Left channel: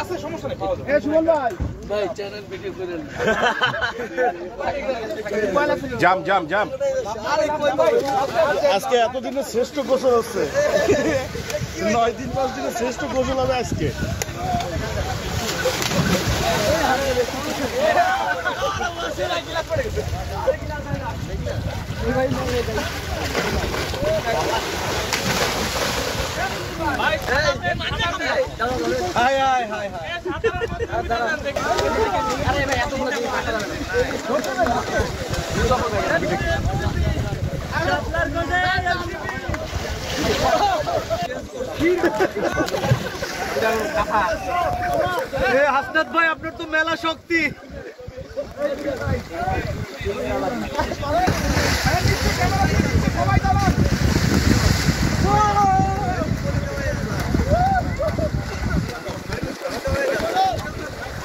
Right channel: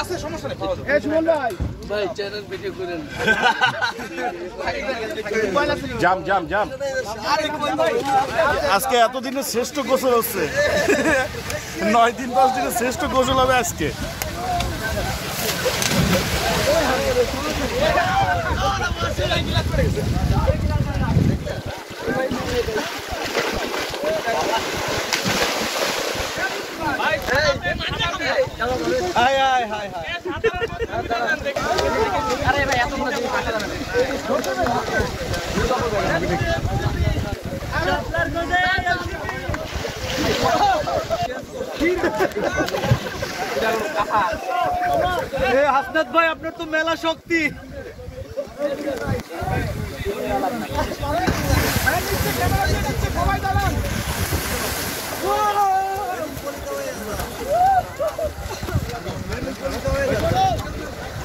আছে সমস্যা নেই, পাওয়া যাবে। এই সুমন ভাই, ভাই চ্যানেল ভিডিও করেন। জাম জাম জাম। আজকে এতদিনের শ্রেষ্ঠ গোসল হচ্ছে, 9 দিন 10 দিনের শ্রেষ্ঠ গোসল হবে আজকে। হাসনাত ভাই, আপনার তো মেলা শক্তি।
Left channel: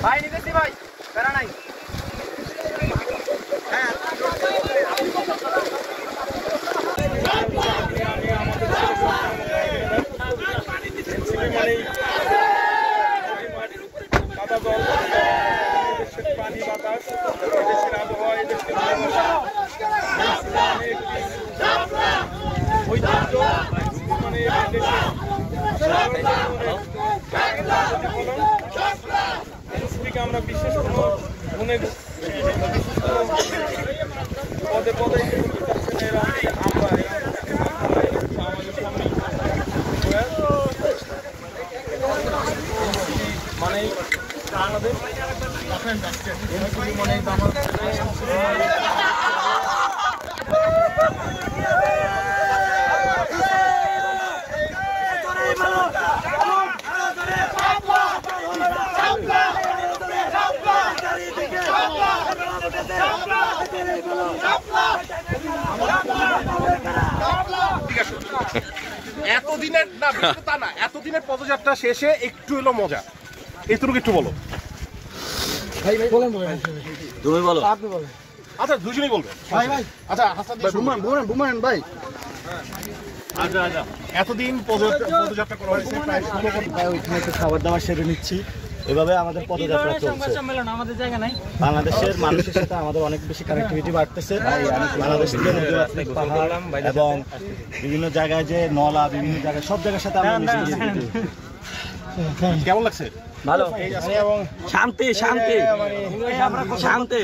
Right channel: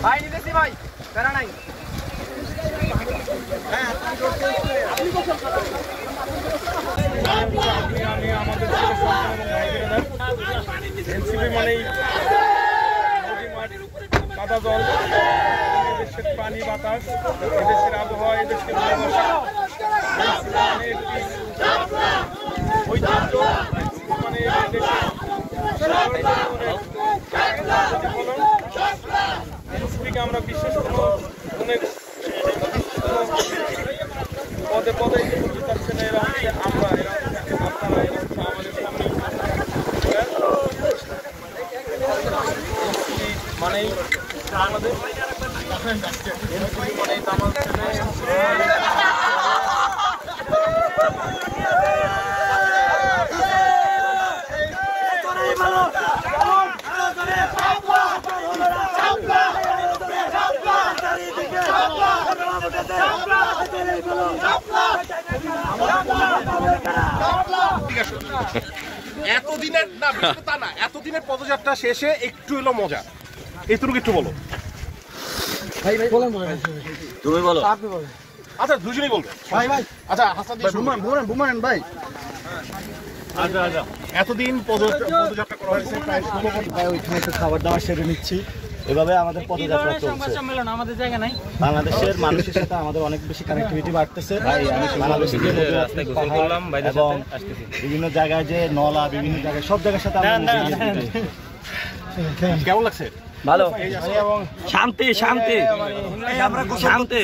ভাই নিতেছি ভাই, প্যারা নাই। পানি বাতাস, দেশের আবহাওয়া, দেশের ঐতিহ্য, আমরা বিশ্বাস করব অনেক পদে পদে আমরা আমাদের সামনে মানে বাংলাদেশ মানে এতদিনের না তা না, এতদিনের পদযাত্রা শেষে একটু এলো মজা, এইটুকু একটু বলো ভাই ভাই বলেন, তুমি বলো, আপনি বলেন। আচ্ছা দুজনেই বলবে ভাই ভাই। আচ্ছা হাসান বুমায়ন ভাই, এতদিন পদযাত্রা করা হয়েছে, প্রায় 16 ভাই ওইখানে একটু খাবার দাবার সেরে নিচ্ছি। এভাবে আমাদের পদযাত্রা চলছে। আমাদের জায়গা নাই। বাংলাদেশের মানুষের সাথে আমাদের অনেক বেশি কানেক্টিভিটি বাড়তেছে। বাংলাদেশের যে নদীমাতৃক পাহাড় এবং বিভিন্ন জায়গায় যে নলা, বিভিন্ন জায়গায় সব জায়গার সাথে আমরা কেমন লাগছে? ভালো, শান্তি শান্তি শান্তি।